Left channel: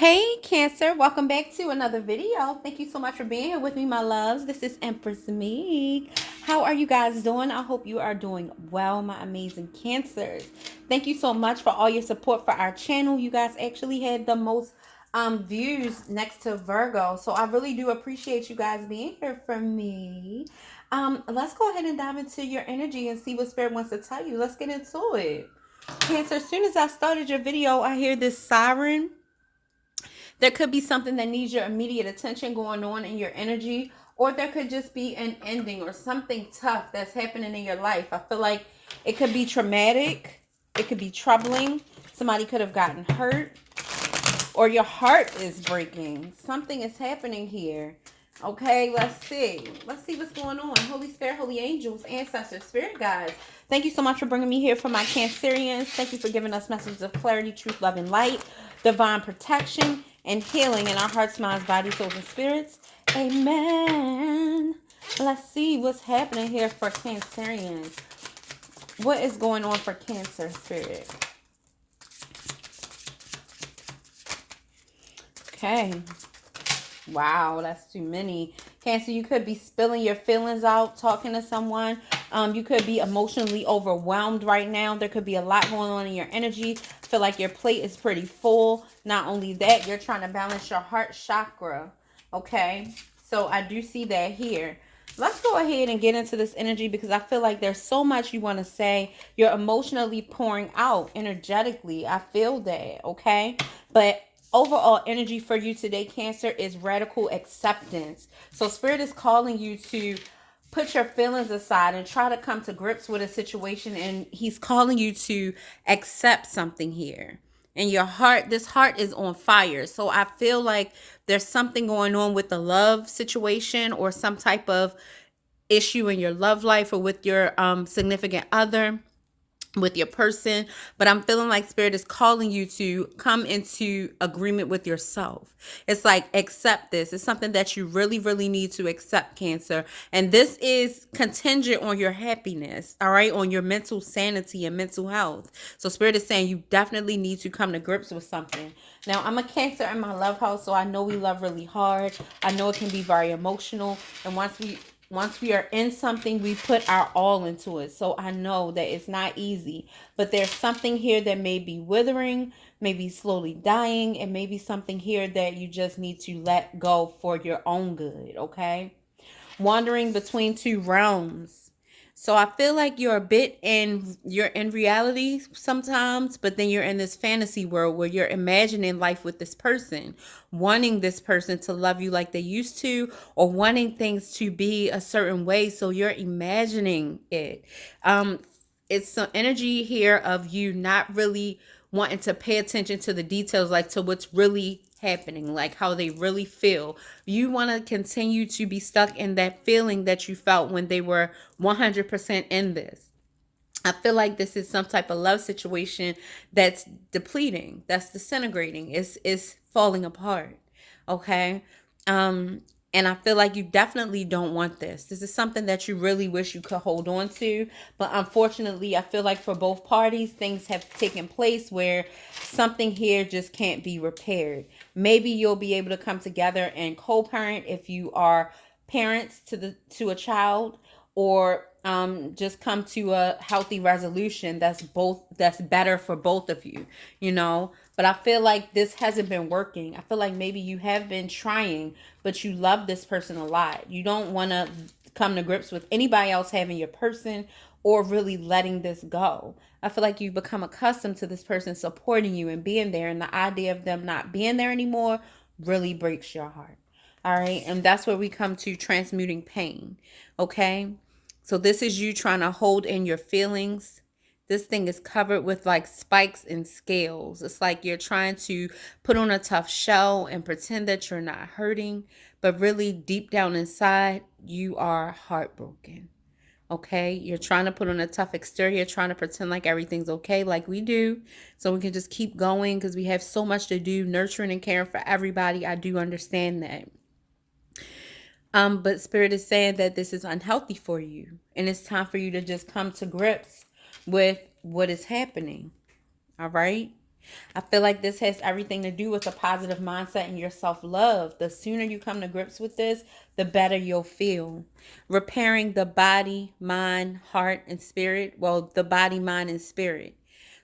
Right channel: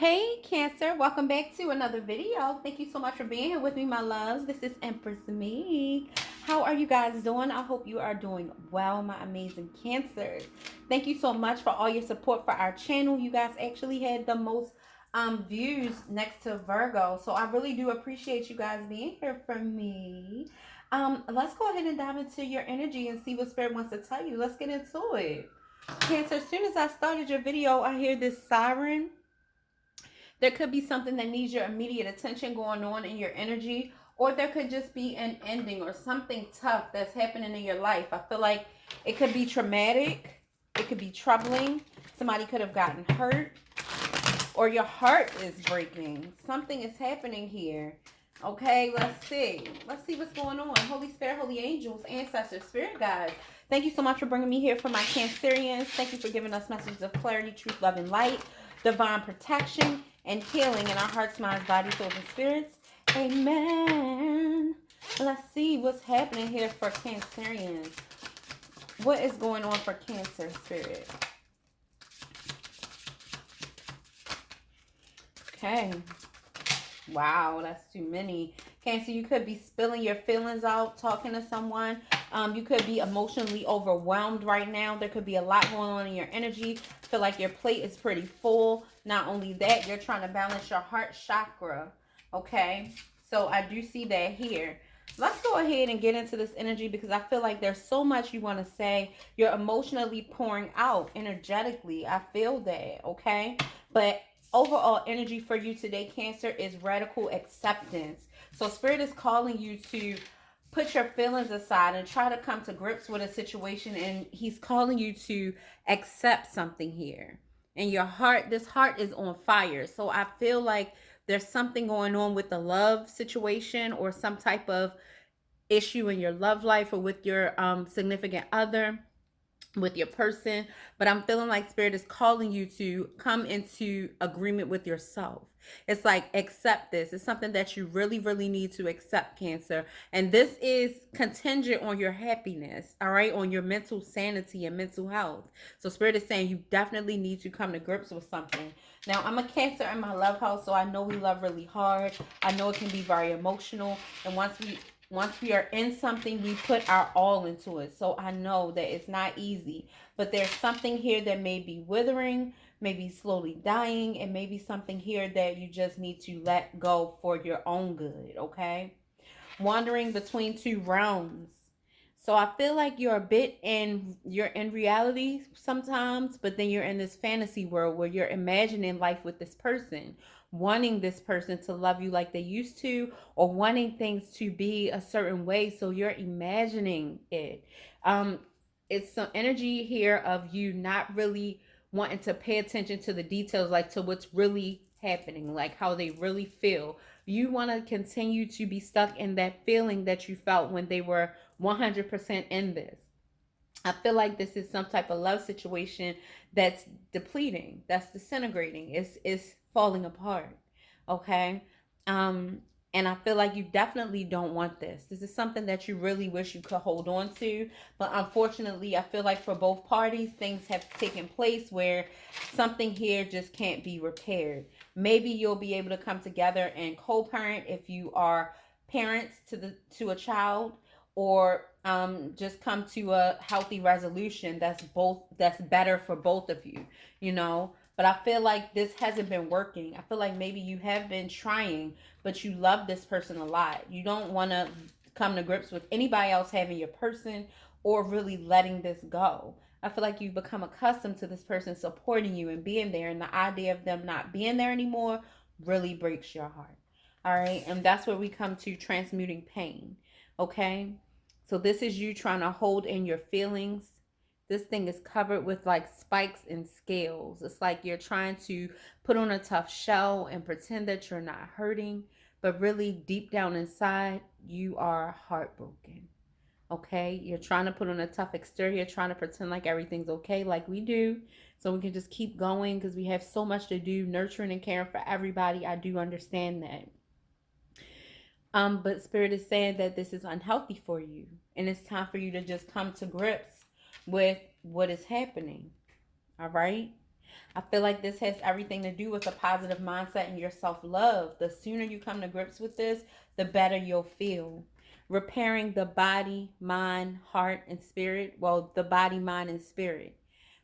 Hey Cancer, welcome back to another video. Thank you so much for being here with me, my loves. This is Empress Meek. How are you guys doing? I hope you are doing well, my amazing Cancers. Thank you so much for all your support for our channel. You guys actually had the most views next to Virgo, so I really do appreciate you guys being here for me. Let's go ahead and dive into your energy and see what Spirit wants to tell you. Let's get into it. Cancer, as soon as I started your video, I hear this siren. There could be something that needs your immediate attention going on in your energy, or there could just be an ending or something tough that's happening in your life. I feel like it could be traumatic, it could be troubling. Somebody could have gotten hurt, or your heart is breaking. Something is happening here. Okay, let's see. Let's see what's going on. Holy Spirit, holy angels, ancestors, spirit guides. Thank you so much for bringing me here for my Cancerians. Thank you for giving us messages of clarity, truth, love, and light, divine protection, and healing in our hearts, minds, bodies, souls, and spirits. Amen. Let's see what's happening here for Cancerians. What is going on for Cancer, spirit? Okay. Wow, that's too many. Cancer, you could be spilling your feelings out, talking to someone. You could be emotionally overwhelmed right now. There could be a lot going on in your energy. Feel like your plate is pretty full. Not only that, you're trying to balance your heart chakra. Okay, so I do see that here. Let's go ahead and get into this energy because I feel like there's so much you want to say. You're emotionally pouring out energetically. I feel that, okay? But overall energy for you today, Cancer, is radical acceptance. So Spirit is calling you to put your feelings aside and try to come to grips with a situation, and he's calling you to accept something here. And your heart, this heart is on fire. So I feel like there's something going on with the love situation or some type of issue in your love life or with your significant other, with your person. But I'm feeling like Spirit is calling you to come into agreement with yourself. It's like, accept this. It's something that you really, really need to accept, Cancer. And this is contingent on your happiness, all right, on your mental sanity and mental health. So Spirit is saying you definitely need to come to grips with something. Now, I'm a Cancer in my love house, so I know we love really hard. I know it can be very emotional. And once we are in something, we put our all into it. So I know that it's not easy, but there's something here that may be withering, maybe slowly dying, and maybe something here that you just need to let go for your own good, okay? Wandering between two realms. So I feel like you're in reality sometimes, but then you're in this fantasy world where you're imagining life with this person, wanting this person to love you like they used to, or wanting things to be a certain way. So you're imagining it. It's some energy here of you not really wanting to pay attention to the details, like to what's really happening, like how they really feel. You want to continue to be stuck in that feeling that you felt when they were 100% in this. I feel like this is some type of love situation that's depleting, that's disintegrating, is falling apart. Okay. Um, and I feel like you definitely don't want this. This is something that you really wish you could hold on to. But unfortunately, I feel like for both parties, things have taken place where something here just can't be repaired. Maybe you'll be able to come together and co-parent if you are parents to a child, or just come to a healthy resolution that's better for both of you, you know. But I feel like this hasn't been working. I feel like maybe you have been trying, but you love this person a lot. You don't want to come to grips with anybody else having your person or really letting this go. I feel like you've become accustomed to this person supporting you and being there, and the idea of them not being there anymore really breaks your heart. All right. And that's where we come to transmuting pain. Okay. So this is you trying to hold in your feelings. This thing is covered with like spikes and scales. It's like you're trying to put on a tough shell and pretend that you're not hurting, but really deep down inside, you are heartbroken. Okay, you're trying to put on a tough exterior, trying to pretend like everything's okay, like we do, so we can just keep going because we have so much to do, nurturing and caring for everybody. I do understand that. But Spirit is saying that this is unhealthy for you, and it's time for you to just come to grips with what is happening. All right. I feel like this has everything to do with a positive mindset and your self-love. The sooner you come to grips with this, the better you'll feel. Repairing the body, mind, heart, and spirit. Well, the body, mind, and spirit.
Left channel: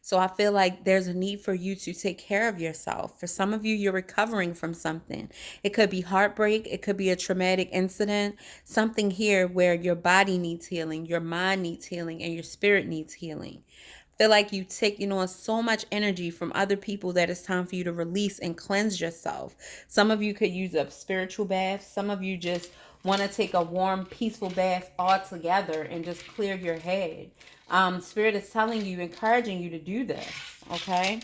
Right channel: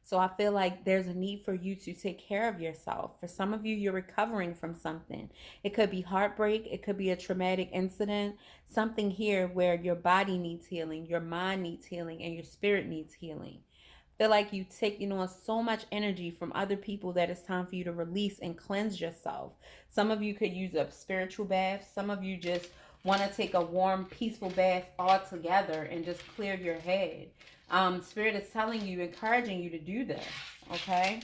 So I feel like there's a need for you to take care of yourself. For some of you, you're recovering from something. It could be heartbreak. It could be a traumatic incident. Something here where your body needs healing, your mind needs healing, and your spirit needs healing. Feel like you taking on so much energy from other people that it's time for you to release and cleanse yourself. Some of you could use a spiritual bath. Some of you just want to take a warm, peaceful bath all together and just clear your head. Spirit is telling you, encouraging you to do this, okay?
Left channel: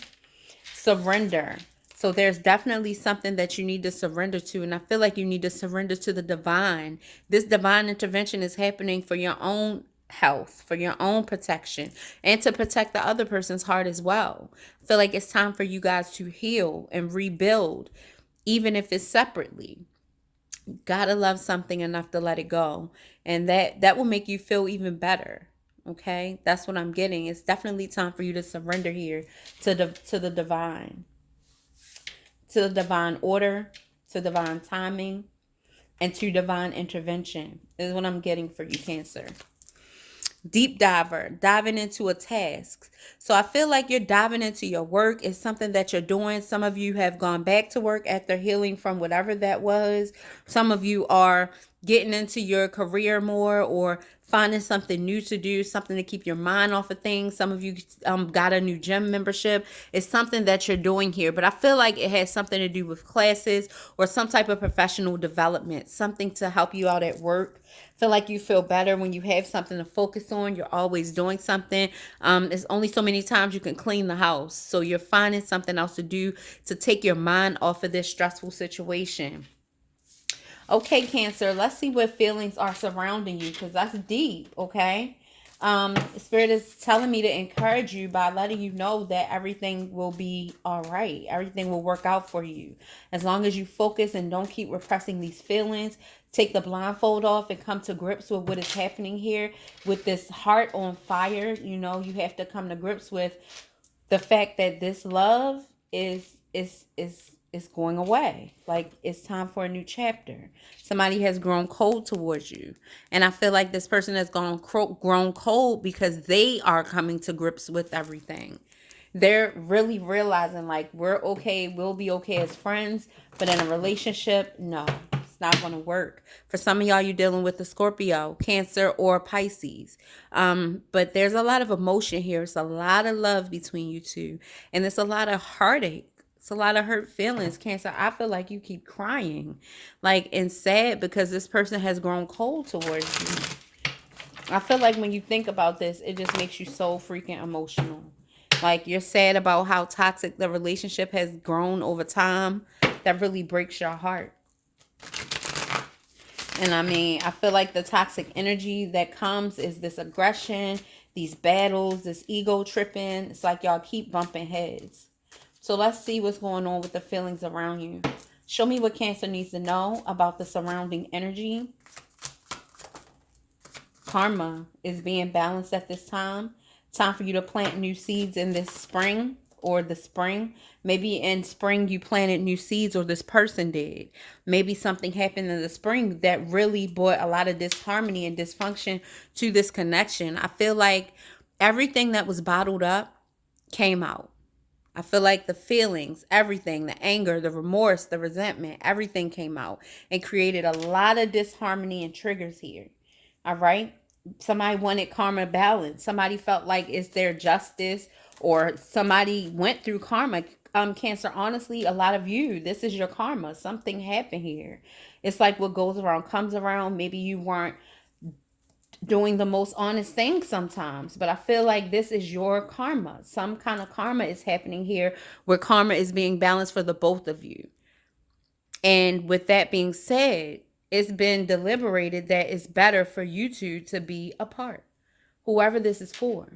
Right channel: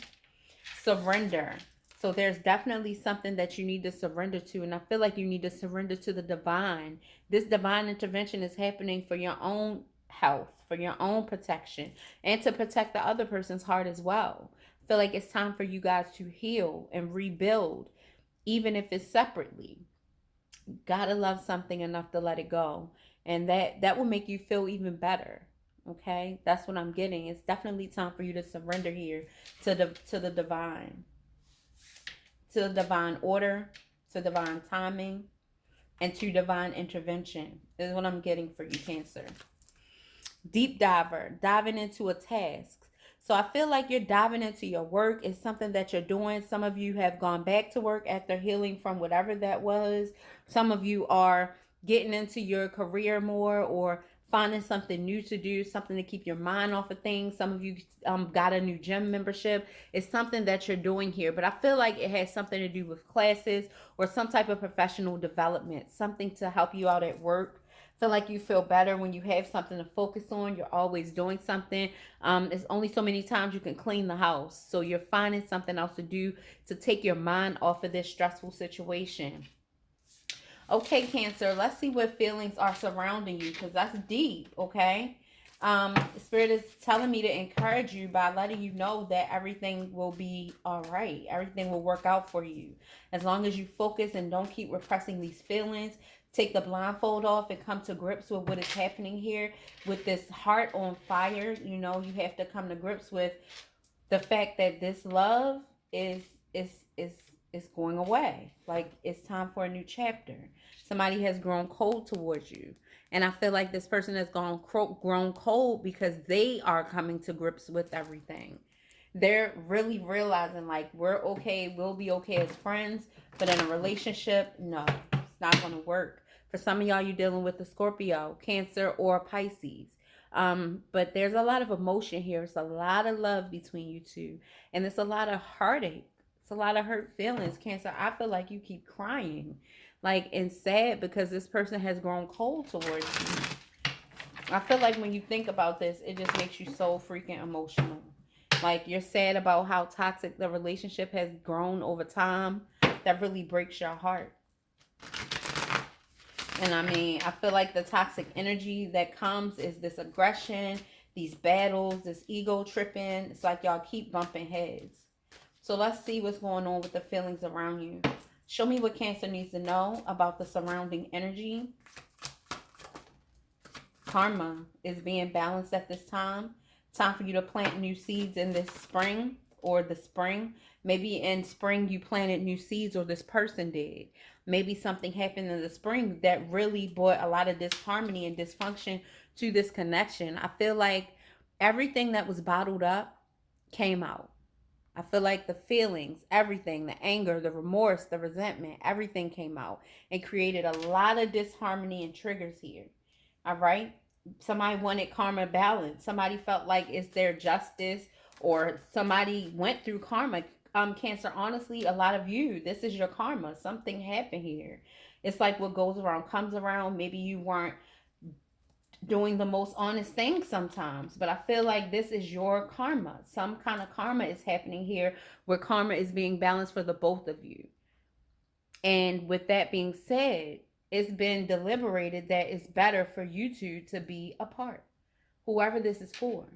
Surrender. So there's definitely something that you need to surrender to, and I feel like you need to surrender to the divine. This divine intervention is happening for your own health, for your own protection, and to protect the other person's heart as well. I feel like it's time for you guys to heal and rebuild, even if it's separately. Gotta love something enough to let it go, and that will make you feel even better. Okay, that's what I'm getting. It's definitely time for you to surrender here to the divine, to the divine order, to divine timing, and to divine intervention. Is what I'm getting for you, Cancer. Deep diver, diving into a task. So I feel like you're diving into your work. It's something that you're doing. Some of you have gone back to work after healing from whatever that was. Some of you are getting into your career more, or finding something new to do, something to keep your mind off of things. Some of you got a new gym membership. It's something that you're doing here, but I feel like it has something to do with classes or some type of professional development, something to help you out at work. Feel like you feel better when you have something to focus on. You're always doing something. There's only so many times you can clean the house, so you're finding something else to do to take your mind off of this stressful situation. Okay, Cancer, let's see what feelings are surrounding you, because that's deep. Okay. Spirit is telling me to encourage you by letting you know that everything will be all right. Everything will work out for you as long as you focus and don't keep repressing these feelings. Take the blindfold off and come to grips with what is happening here with this heart on fire. You know, you have to come to grips with the fact that this love is going away. Like, it's time for a new chapter. Somebody has grown cold towards you, and I feel like this person has grown cold because they are coming to grips with everything. They're really realizing, like, we're okay, we'll be okay as friends, but in a relationship, no, it's not going to work. For some of y'all, you're dealing with a Scorpio, Cancer, or Pisces. But there's a lot of emotion here. It's a lot of love between you two, and it's a lot of heartache. It's a lot of hurt feelings, Cancer. I feel like you keep crying, like, and sad because this person has grown cold towards you. I feel like when you think about this, it just makes you so freaking emotional. Like, you're sad about how toxic the relationship has grown over time. That really breaks your heart. And I mean, I feel like the toxic energy that comes is this aggression, these battles, this ego tripping. It's like y'all keep bumping heads. So let's see what's going on with the feelings around you. Show me what Cancer needs to know about the surrounding energy. Karma is being balanced at this time. Time for you to plant new seeds in this spring or the spring. Maybe in spring you planted new seeds, or this person did. Maybe something happened in the spring that really brought a lot of disharmony and dysfunction to this connection. I feel like everything that was bottled up came out. I feel like the feelings, everything, the anger, the remorse, the resentment, everything came out and created a lot of disharmony and triggers here. All right. Somebody wanted karma balance. Somebody felt like it's their justice, or somebody went through karma. Cancer, honestly, a lot of you, this is your karma. Something happened here. It's like what goes around comes around. Maybe you weren't doing the most honest thing sometimes, but I feel like this is your karma. Some kind of karma is happening here where karma is being balanced for the both of you. And with that being said, it's been deliberated that it's better for you two to be apart, whoever this is for.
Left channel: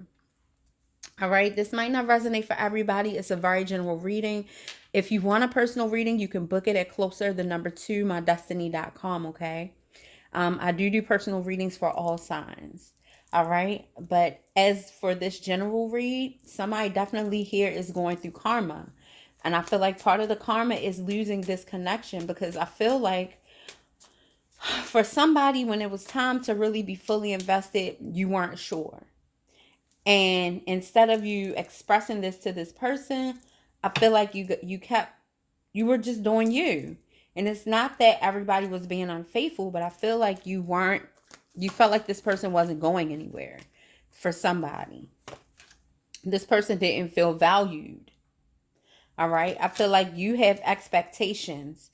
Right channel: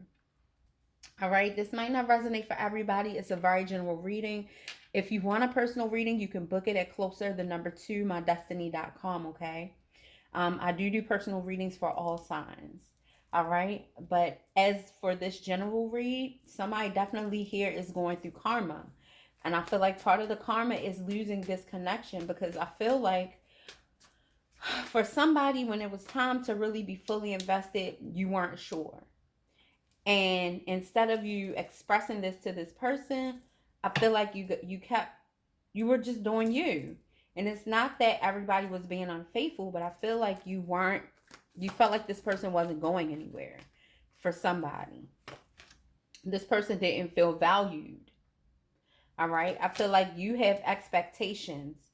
All right, this might not resonate for everybody. It's a very general reading. If you want a personal reading, you can book it at closer2MyDestinys.com, okay? I do personal readings for all signs. All right. But as for this general read, somebody definitely here is going through karma. And I feel like part of the karma is losing this connection, because I feel like for somebody, when it was time to really be fully invested, you weren't sure. And instead of you expressing this to this person, I feel like you were just doing you. And it's not that everybody was being unfaithful, but I feel like you felt like this person wasn't going anywhere for somebody. This person didn't feel valued. All right. I feel like you have expectations,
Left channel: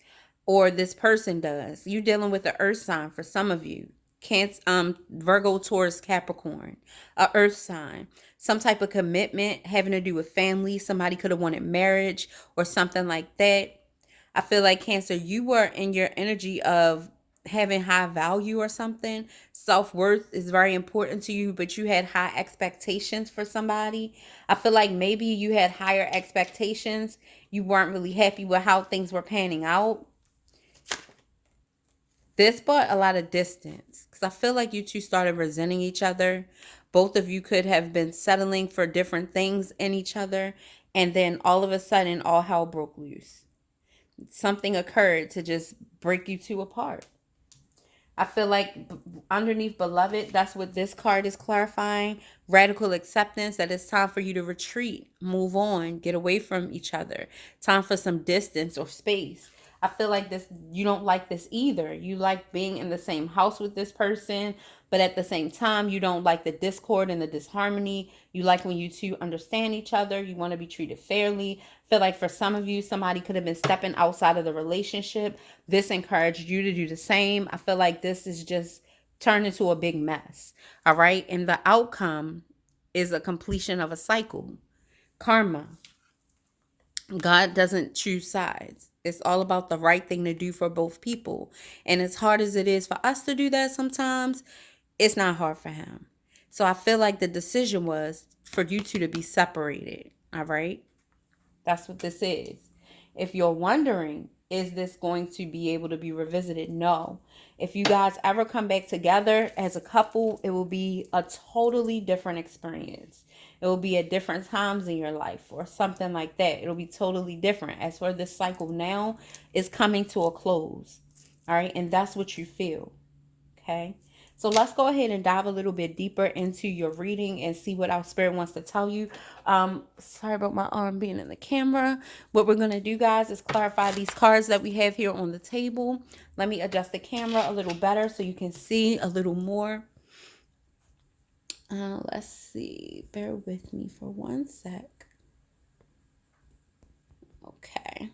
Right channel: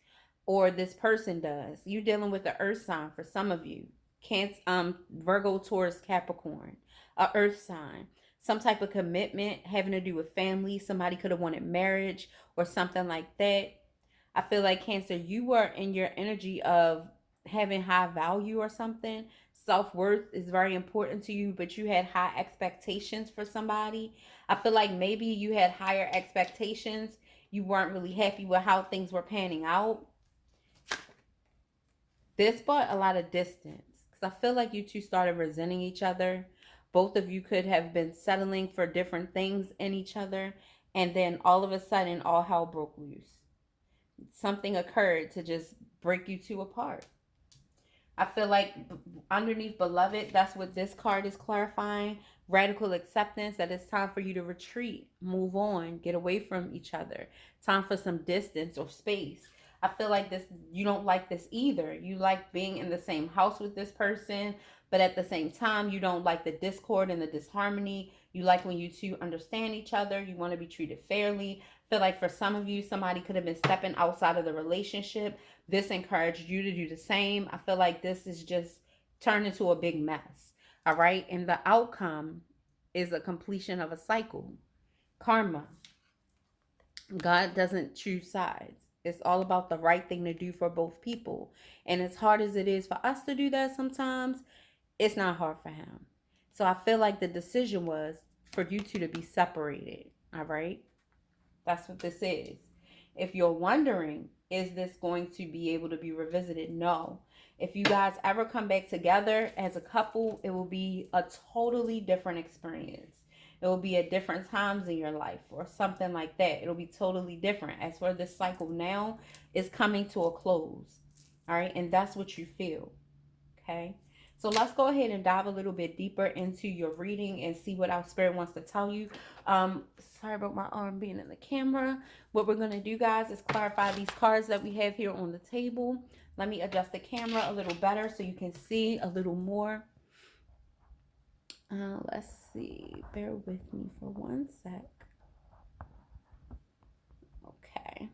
or this person does. You're dealing with the earth sign for some of you. Can't Virgo, Taurus, Capricorn, a earth sign. Some type of commitment having to do with family. Somebody could have wanted marriage or something like that. I feel like Cancer, you were in your energy of having high value or something. Self-worth is very important to you, but you had high expectations for somebody. I feel like maybe you had higher expectations. You weren't really happy with how things were panning out. This brought a lot of distance, because I feel like you two started resenting each other. Both of you could have been settling for different things in each other, and then all of a sudden all hell broke loose. Something occurred to just break you two apart. I feel like underneath beloved, that's what this card is clarifying. Radical acceptance, that it's time for you to retreat, move on, get away from each other. Time for some distance or space. I feel like this, you don't like this either. You like being in the same house with this person, but at the same time, you don't like the discord and the disharmony. You like when you two understand each other. You want to be treated fairly. I feel like for some of you, somebody could have been stepping outside of the relationship. This encouraged you to do the same. I feel like this is just turned into a big mess. All right. And the outcome is a completion of a cycle. Karma. God doesn't choose sides. It's all about the right thing to do for both people. And as hard as it is for us to do that sometimes, it's not hard for him. So I feel like the decision was for you two to be separated. All right. That's what this is. If you're wondering, is this going to be able to be revisited? No. If you guys ever come back together as a couple, it will be a totally different experience. It will be at different times in your life or something like that. It'll be totally different. As for this cycle now, is coming to a close. All right. And that's what you feel. Okay. So let's go ahead and dive a little bit deeper into your reading and see what our spirit wants to tell you. Sorry about my arm being in the camera. What we're going to do, guys, is clarify these cards that we have here on the table. Let me adjust the camera a little better so you can see a little more. Let's see. Bear with me for one sec. Okay.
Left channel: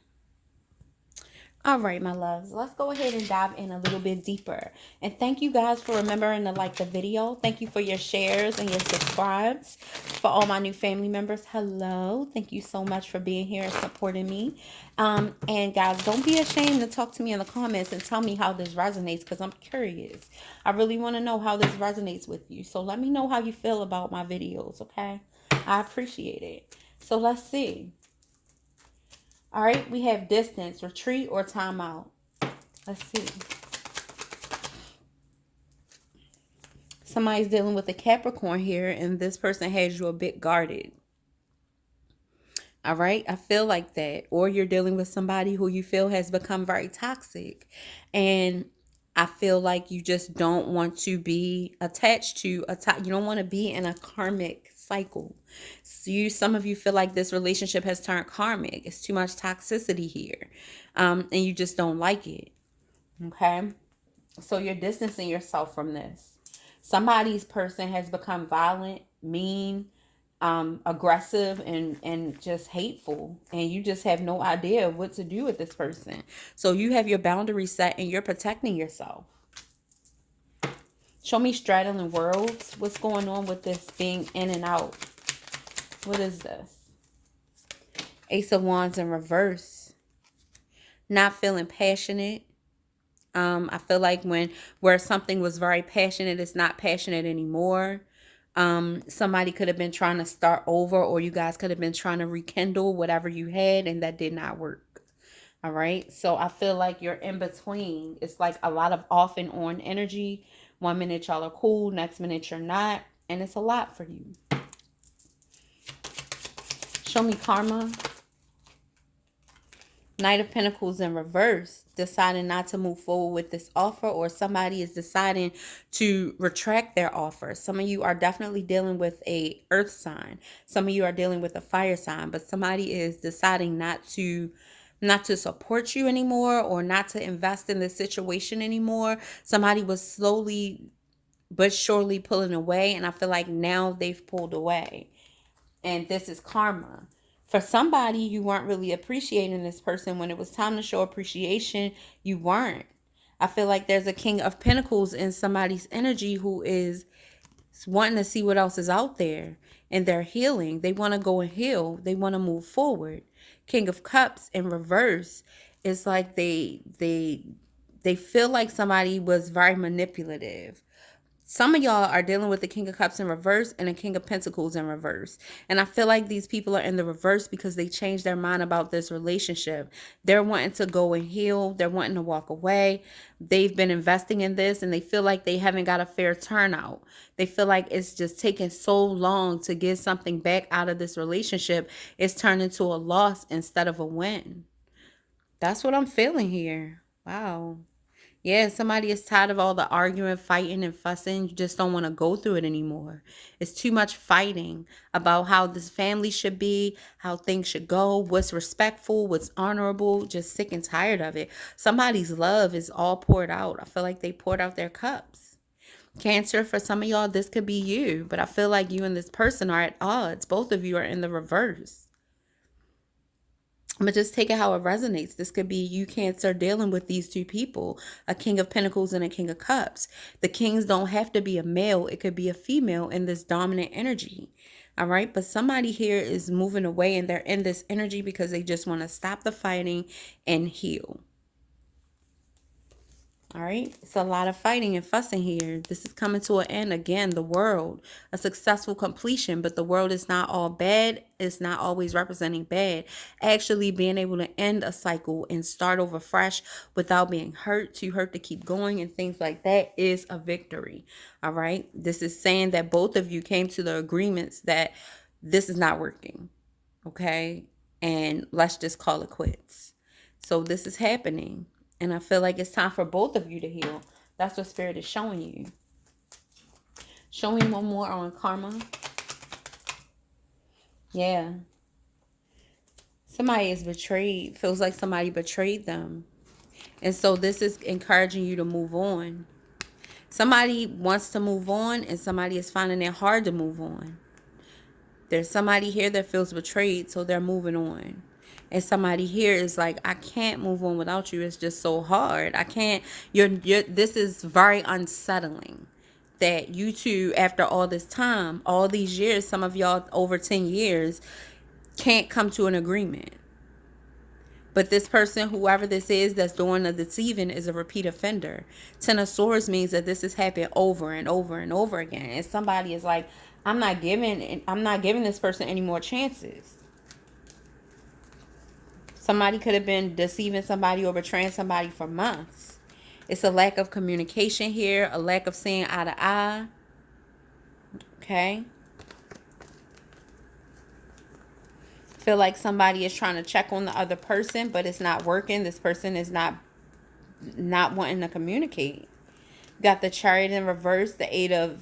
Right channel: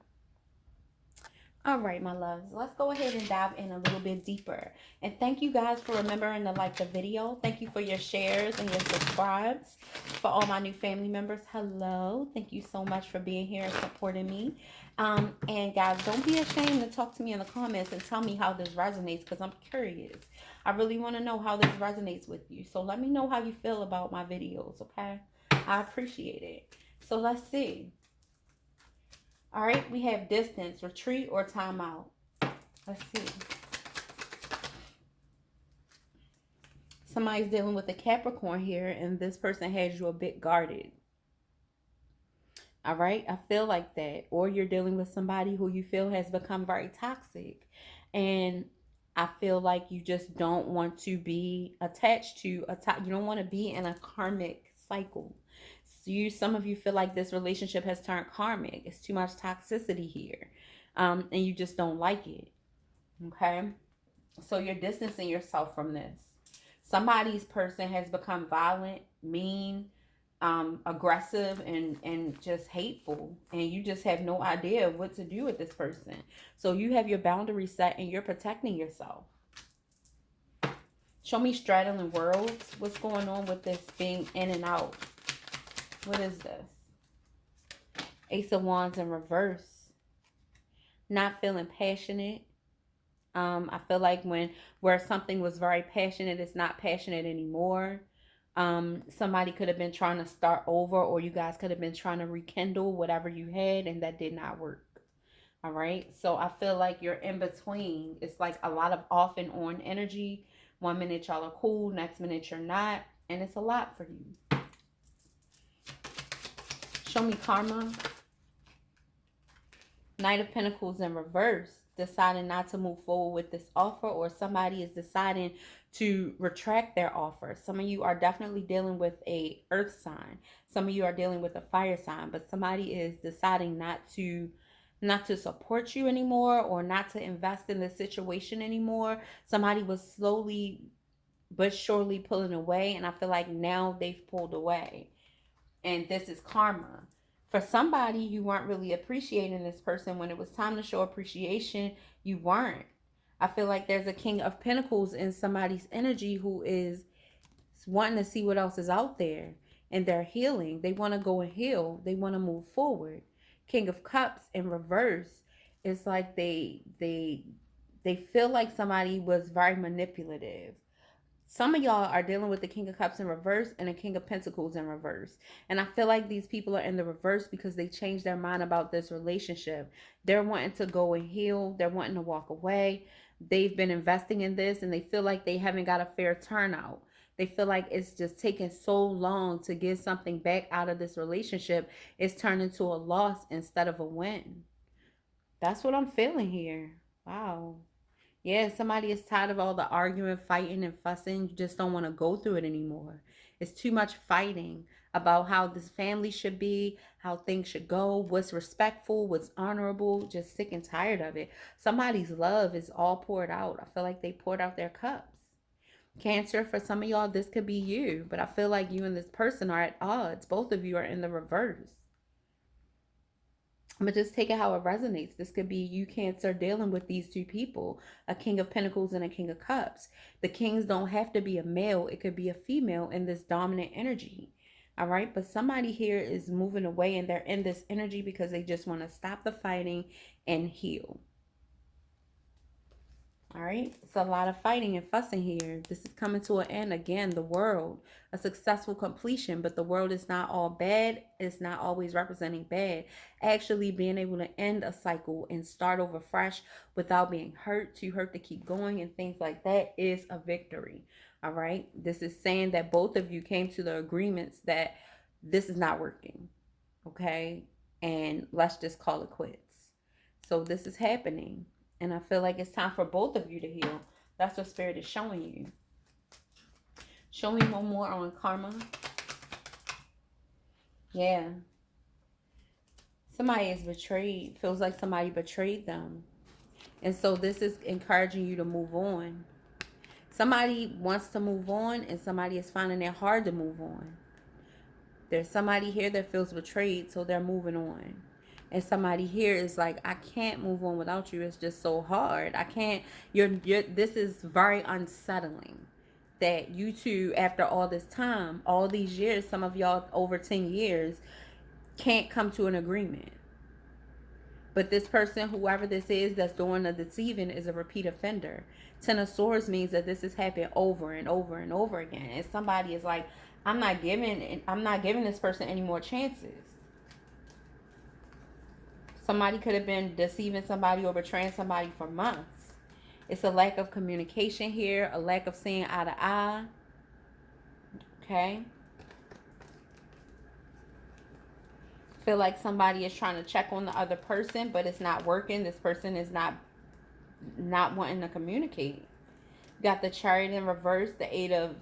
All right, my loves, let's go ahead and dive in a little bit deeper. And thank you guys for remembering to like the video. Thank you for your shares and your subscribes. For all my new family members, hello. Thank you so much for being here and supporting me. And guys, don't be ashamed to talk to me in the comments and tell me how this resonates, because I'm curious. I really want to know how this resonates with you. So let me know how you feel about my videos, okay? I appreciate it. So let's see. All right, we have distance, retreat, or timeout. Let's see. Somebody's dealing with a Capricorn here, and this person has you a bit guarded. All right, I feel like that. Or you're dealing with somebody who you feel has become very toxic. And I feel like you just don't want to be attached to you don't want to be in a karmic cycle. So some of you feel like this relationship has turned karmic. It's too much toxicity here. And you just don't like it. Okay. So you're distancing yourself from this. Somebody's person has become violent, mean, aggressive, and just hateful. And you just have no idea what to do with this person. So you have your boundaries set and you're protecting yourself. Show me straddling worlds. What's going on with this being in and out? What is this? Ace of Wands in reverse. Not feeling passionate. I feel like where something was very passionate, it's not passionate anymore. Somebody could have been trying to start over, or you guys could have been trying to rekindle whatever you had, and that did not work. All right. So I feel like you're in between. It's like a lot of off and on energy. 1 minute y'all are cool, next minute you're not. And it's a lot for you. Show me karma. Knight of Pentacles in reverse, deciding not to move forward with this offer, or somebody is deciding to retract their offer. Some of you are definitely dealing with a earth sign. Some of you are dealing with a fire sign, but somebody is deciding not to support you anymore, or not to invest in this situation anymore. Somebody was slowly but surely pulling away, and I feel like now they've pulled away. And this is karma. For somebody, you weren't really appreciating this person. When it was time to show appreciation, you weren't. I feel like there's a King of Pentacles in somebody's energy who is wanting to see what else is out there. And they're healing. They want to go and heal. They want to move forward. King of Cups in reverse. It's like they feel like somebody was very manipulative. Some of y'all are dealing with the King of Cups in reverse and the King of Pentacles in reverse. And I feel like these people are in the reverse because they changed their mind about this relationship. They're wanting to go and heal. They're wanting to walk away. They've been investing in this and they feel like they haven't got a fair turnout. They feel like it's just taking so long to get something back out of this relationship. It's turned into a loss instead of a win. That's what I'm feeling here. Wow. Yeah, somebody is tired of all the arguing, fighting, and fussing. You just don't want to go through it anymore. It's too much fighting about how this family should be, how things should go, what's respectful, what's honorable. Just sick and tired of it. Somebody's love is all poured out. I feel like they poured out their cups. Cancer, for some of y'all, this could be you. But I feel like you and this person are at odds. Both of you are in the reverse. But just take it how it resonates. This could be you, Cancer, dealing with these two people, a King of Pentacles and a King of Cups. The kings don't have to be a male. It could be a female in this dominant energy. All right. But somebody here is moving away and they're in this energy because they just want to stop the fighting and heal. All right. It's a lot of fighting and fussing here. This is coming to an end. Again, the world, a successful completion, but the world is not all bad. It's not always representing bad. Actually being able to end a cycle and start over fresh without being hurt, too hurt to keep going and things like that is a victory. All right. This is saying that both of you came to the agreements that this is not working. Okay. And let's just call it quits. So this is happening. And I feel like it's time for both of you to heal. That's what Spirit is showing you. Show me one more on karma. Yeah. Somebody is betrayed. Feels like somebody betrayed them. And so this is encouraging you to move on. Somebody wants to move on and somebody is finding it hard to move on. There's somebody here that feels betrayed, so they're moving on. And somebody here is like, I can't move on without you. It's just so hard. I can't. This is very unsettling that you two, after all this time, all these years, some of y'all over 10 years, can't come to an agreement. But this person, whoever this is that's doing the deceiving, is a repeat offender. Ten of Swords means that this has happened over and over and over again. And somebody is like, I'm not giving this person any more chances. Somebody could have been deceiving somebody or betraying somebody for months. It's a lack of communication here, a lack of seeing eye to eye. Okay. Feel like somebody is trying to check on the other person, but it's not working. This person is not wanting to communicate. Got the Chariot in reverse, the Eight of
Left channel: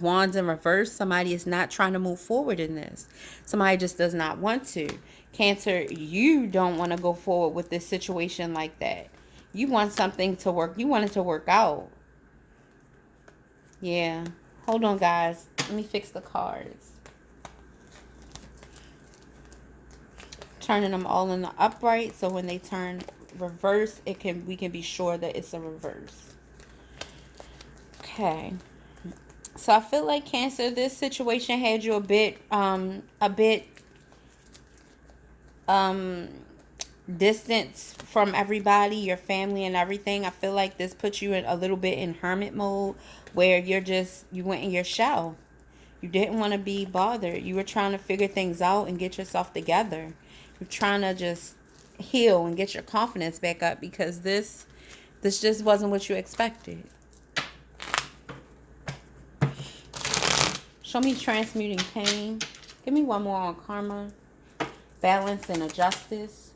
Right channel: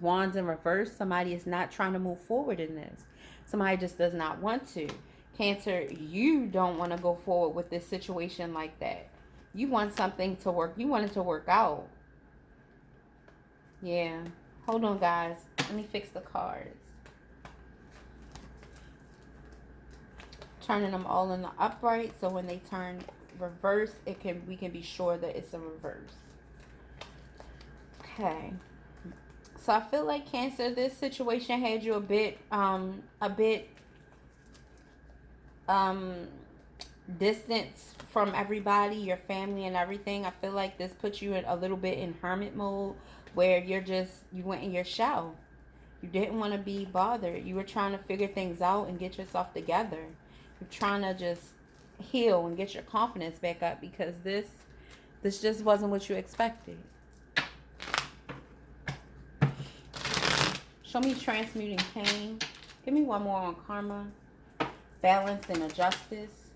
Wands in reverse. Somebody is not trying to move forward in this. Somebody just does not want to. Cancer, you don't want to go forward with this situation like that. You want something to work. You want it to work out. Yeah. Hold on, guys. Let me fix the cards. Turning them all in the upright, so when they turn reverse, we can be sure that it's a reverse. Okay. So I feel like, Cancer, this situation had you a bit distance from everybody, your family and everything. I feel like this puts you in a little bit in hermit mode, where you went in your shell. You didn't want to be bothered. You were trying to figure things out and get yourself together. You're trying to just heal and get your confidence back up, because this just wasn't what you expected. Show me transmuting pain. Give me one more on karma. Balance and a justice.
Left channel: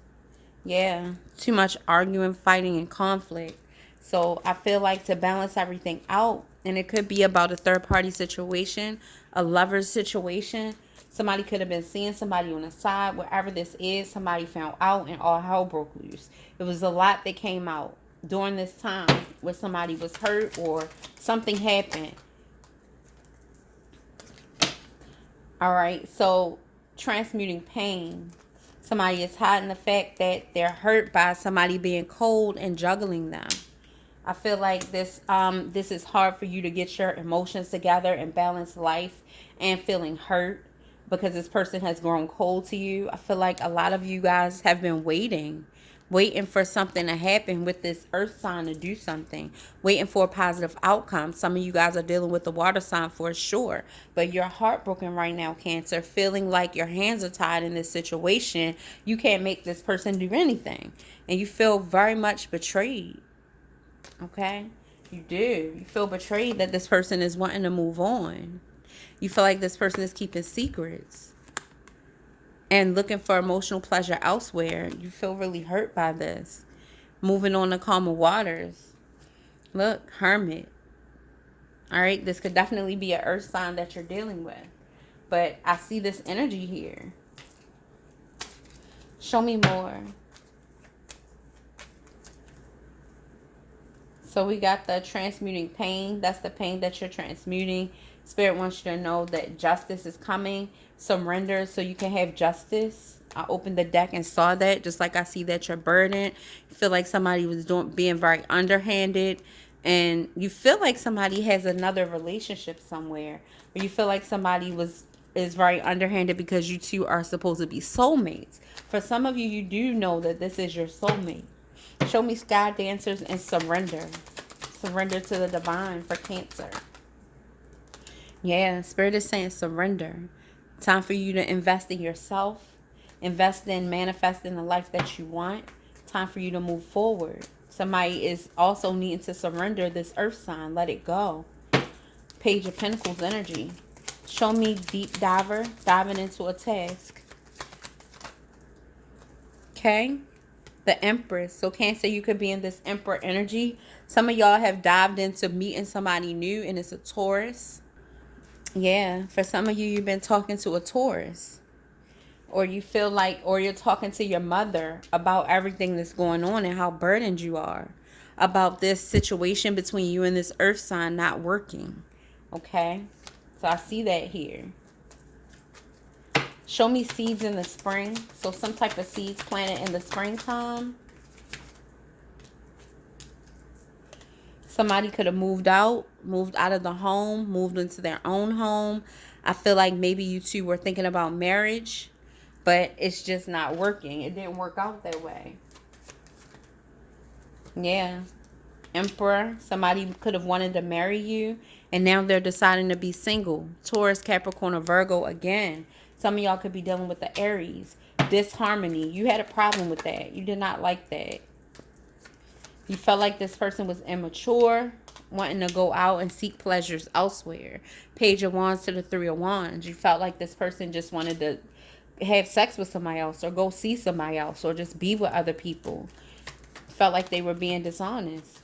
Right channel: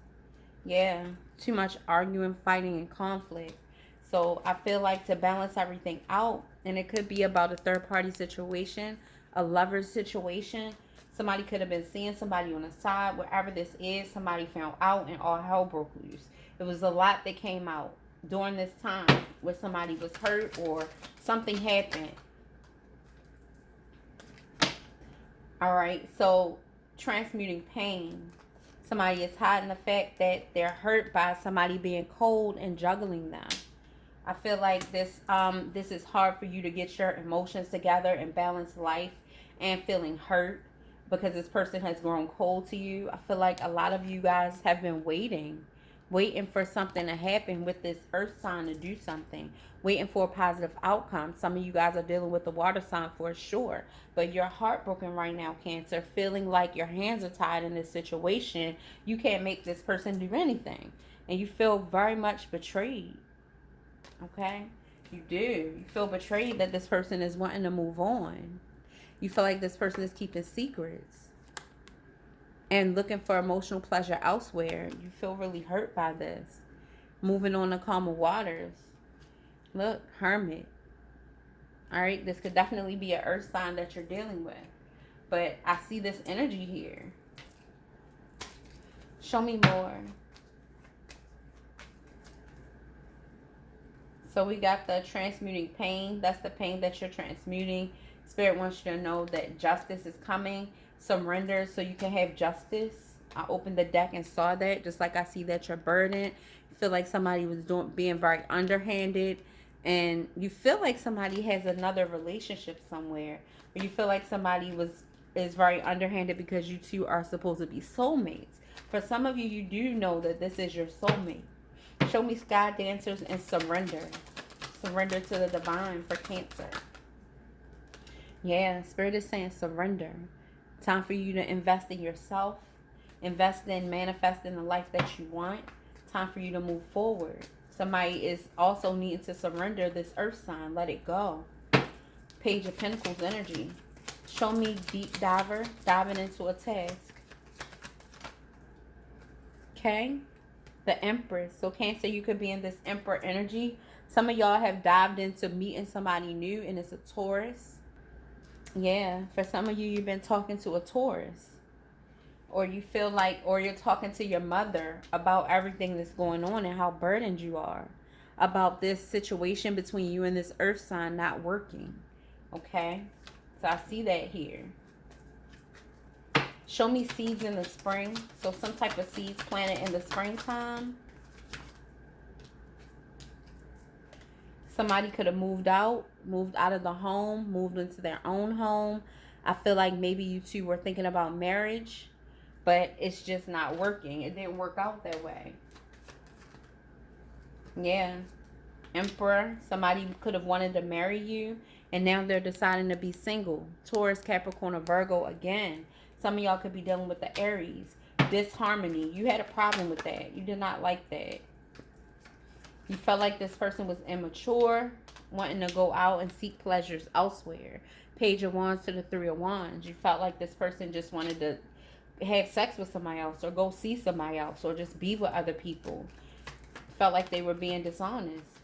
Yeah, too much arguing, fighting, and conflict. So I feel like to balance everything out, and it could be about a third-party situation, a lover's situation. Somebody could have been seeing somebody on the side. Wherever this is, somebody found out and all hell broke loose. It was a lot that came out during this time where somebody was hurt or something happened. All right, so transmuting pain. Somebody is hiding the fact that they're hurt by somebody being cold and juggling them. I feel like this is hard for you to get your emotions together and balance life and feeling hurt because this person has grown cold to you. I feel like a lot of you guys have been waiting for something to happen with this earth sign to do something, waiting for a positive outcome. Some of you guys are dealing with the water sign for sure, but you're heartbroken right now, Cancer, feeling like your hands are tied in this situation. You can't make this person do anything, and you feel very much betrayed. Okay, you do. You feel betrayed that this person is wanting to move on. You feel like this person is keeping secrets and looking for emotional pleasure elsewhere. You feel really hurt by this. Moving on to calmer waters. Look, Hermit. All right, this could definitely be an earth sign that you're dealing with. But I see this energy here. Show me more. So we got the transmuting pain. That's the pain that you're transmuting. Spirit wants you to know that justice is coming. Surrender so you can have justice. I opened the deck and saw that. Just like I see that you're burdened. You feel like somebody was being very underhanded. And you feel like somebody has another relationship somewhere. Or you feel like somebody is very underhanded because you two are supposed to be soulmates. For some of you, you do know that this is your soulmate. Show me sky dancers and surrender. Surrender to the divine for Cancer. Yeah, Spirit is saying surrender. Time for you to invest in yourself. Invest in manifesting the life that you want. Time for you to move forward. Somebody is also needing to surrender this earth sign. Let it go. Page of Pentacles energy. Show me deep diver diving into a task. Okay. The Empress. So Cancer, you could be in this Emperor energy. Some of y'all have dived into meeting somebody new, and it's a Taurus. Yeah, for some of you, you've been talking to a Taurus. Or you feel like, or you're talking to your mother about everything that's going on and how burdened you are about this situation between you and this earth sign not working. Okay, so I see that here. Show me seeds in the spring. So some type of seeds planted in the springtime. Somebody could have moved out of the home, moved into their own home. I feel like maybe you two were thinking about marriage, but it's just not working. It didn't work out that way. Yeah. Emperor, somebody could have wanted to marry you, and now they're deciding to be single. Taurus, Capricorn, or Virgo again. Some of y'all could be dealing with the Aries. Disharmony. You had a problem with that. You did not like that. You felt like this person was immature, wanting to go out and seek pleasures elsewhere. Page of Wands to the Three of Wands. You felt like this person just wanted to have sex with somebody else or go see somebody else or just be with other people. Felt like they were being dishonest.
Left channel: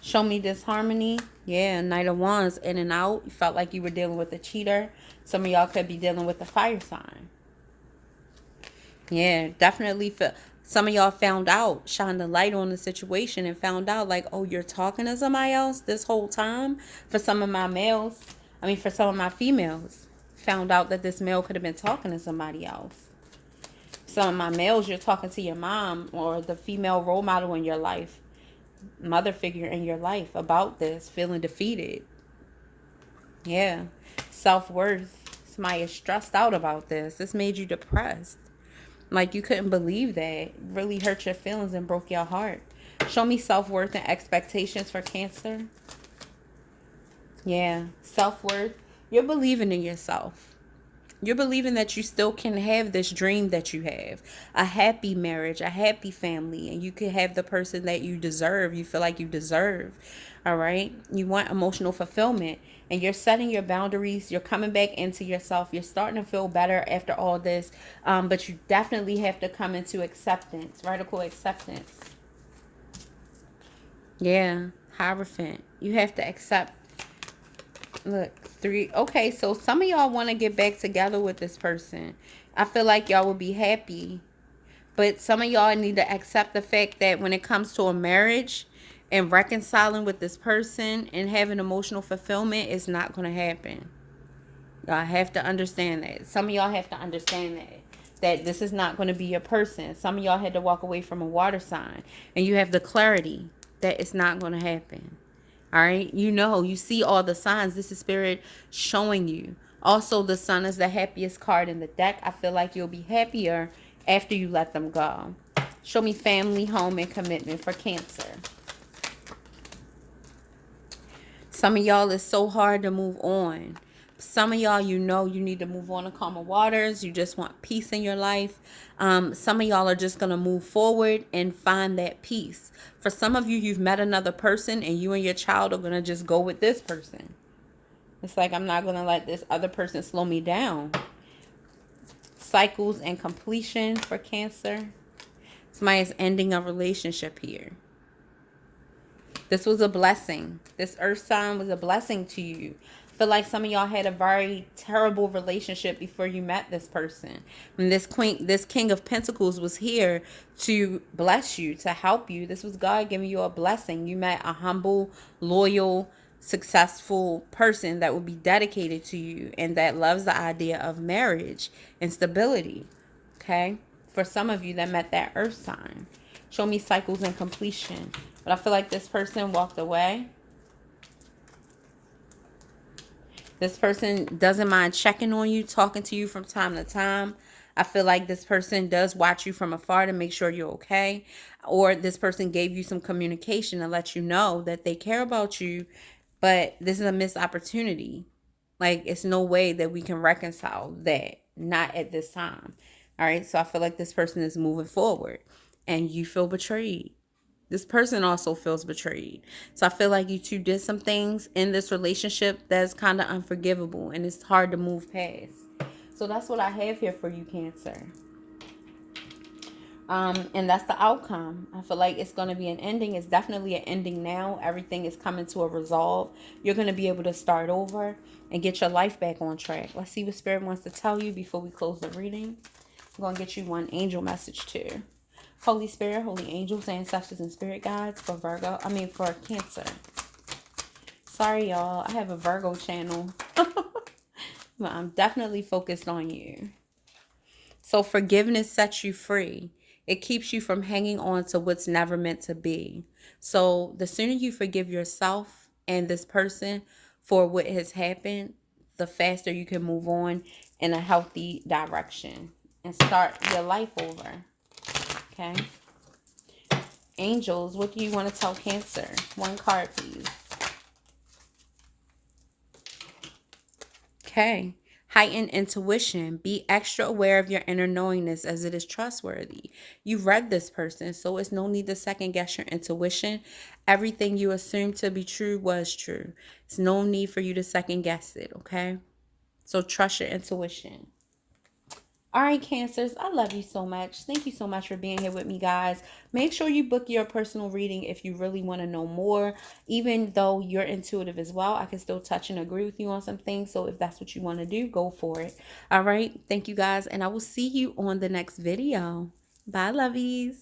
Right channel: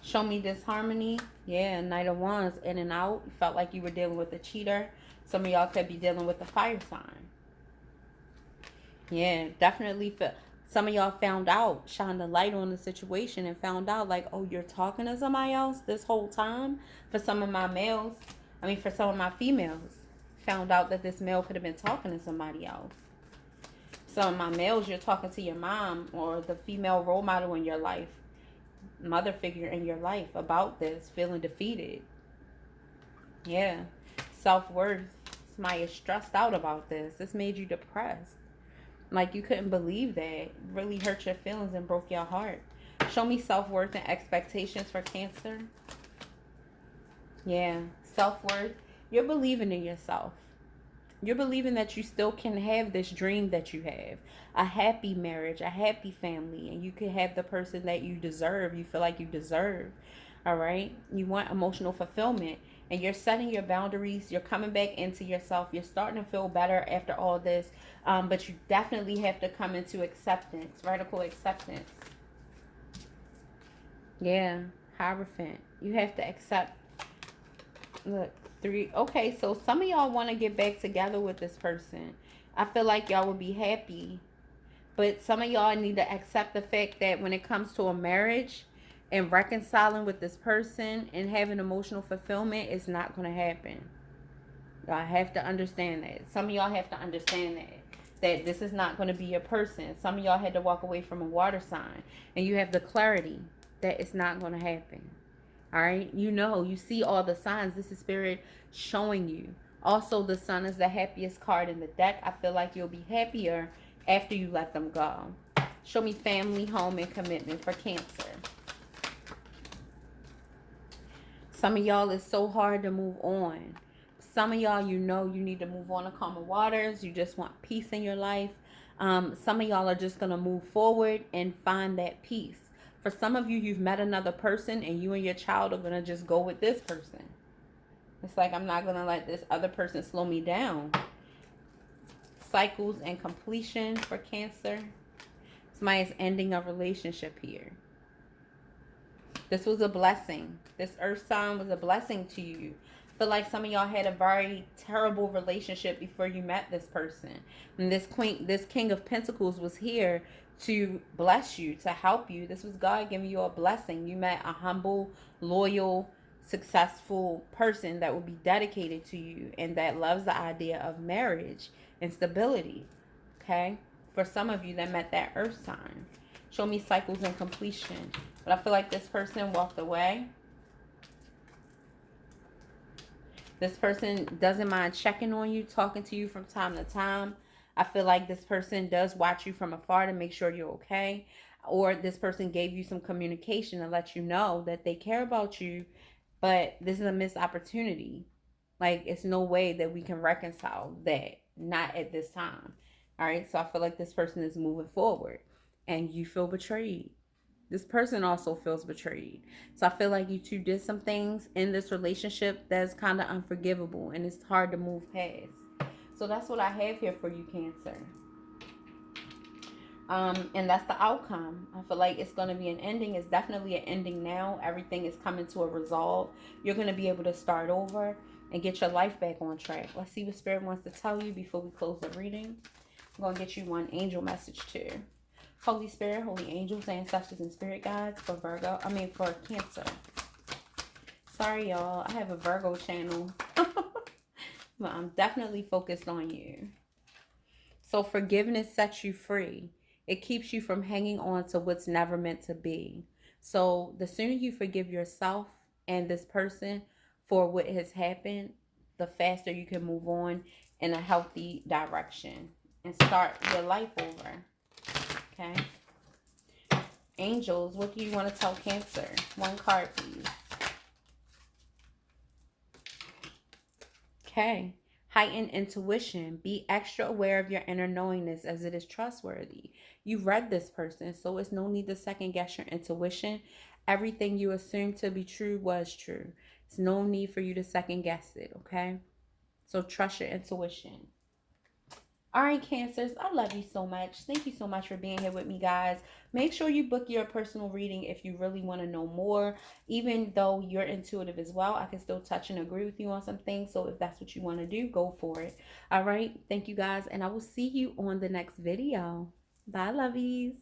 Show me disharmony. Yeah, Knight of Wands, in and out. You felt like you were dealing with a cheater. Some of y'all could be dealing with a fire sign. Yeah, definitely feel. Some of y'all found out, shined the light on the situation and found out like, oh, you're talking to somebody else this whole time. For some of my males, for some of my females, found out that this male could have been talking to somebody else. Some of my males, you're talking to your mom or the female role model in your life, mother figure in your life about this, feeling defeated. Yeah. Self-worth. Somebody is stressed out about this. This made you depressed. Like you couldn't believe that. It really hurt your feelings and broke your heart. Show me self-worth and expectations for Cancer. Yeah. Self-worth. You're believing in yourself. You're believing that you still can have this dream that you have. A happy marriage, a happy family, and you can have the person that you deserve. You feel like you deserve. All right. You want emotional fulfillment, and you're setting your boundaries. You're coming back into yourself. You're starting to feel better after all this. But you definitely have to come into acceptance, radical acceptance. Yeah. Hierophant. You have to accept. Look, 3. Okay. So some of y'all want to get back together with this person. I feel like y'all will be happy. But some of y'all need to accept the fact that when it comes to a marriage and reconciling with this person and having emotional fulfillment, it's not going to happen. Y'all have to understand that. Some of y'all have to understand that. That this is not going to be your person. Some of y'all had to walk away from a water sign. And you have the clarity that it's not going to happen. All right? You know, you see all the signs. This is spirit showing you. Also, the sun is the happiest card in the deck. I feel like you'll be happier after you let them go. Show me family, home, and commitment for Cancer. Some of y'all is so hard to move on. Some of y'all, you know, you need to move on to calmer waters. You just want peace in your life. Some of y'all are just going to move forward and find that peace. For some of you, you've met another person and you and your child are going to just go with this person. It's like, I'm not going to let this other person slow me down. Cycles and completion for Cancer. Somebody is ending a relationship here. This was a blessing. This earth sign was a blessing to you. I feel like some of y'all had a very terrible relationship before you met this person. When this King of Pentacles was here to bless you, to help you, this was God giving you a blessing. You met a humble, loyal, successful person that will be dedicated to you and that loves the idea of marriage and stability. Okay? For some of you that met that earth sign. Show me cycles and completion. But I feel like this person walked away. This person doesn't mind checking on you, talking to you from time to time. I feel like this person does watch you from afar to make sure you're okay. Or this person gave you some communication to let you know that they care about you, but this is a missed opportunity. Like, it's no way that we can reconcile that. Not at this time. All right. So I feel like this person is moving forward and you feel betrayed. This person also feels betrayed. So I feel like you two did some things in this relationship that's kind of unforgivable and it's hard to move past. So that's what I have here for you, Cancer. And that's the outcome. I feel like it's going to be an ending. It's definitely an ending now. Everything is coming to a resolve. You're going to be able to start over and get your life back on track. Let's see what Spirit wants to tell you before we close the reading. I'm going to get you one angel message too. Holy Spirit, holy angels, ancestors, and spirit guides for for Cancer. Sorry, y'all. I have a Virgo channel. But I'm definitely focused on you. So forgiveness sets you free. It keeps you from hanging on to what's never meant to be. So the sooner you forgive yourself and this person for what has happened, the faster you can move on in a healthy direction and start your life over. Okay. Angels, what do you want to tell Cancer? One card, please. Okay. Heightened intuition. Be extra aware of your inner knowingness as it is trustworthy. You've read this person, so it's no need to second guess your intuition. Everything you assumed to be true was true. It's no need for you to second guess it, okay? So trust your intuition. All right, Cancers, I love you so much. Thank you so much for being here with me, guys. Make sure you book your personal reading if you really want to know more. Even though you're intuitive as well, I can still touch and agree with you on some things. So if that's what you want to do, go for it. All right. Thank you, guys. And I will see you on the next video. Bye, lovies.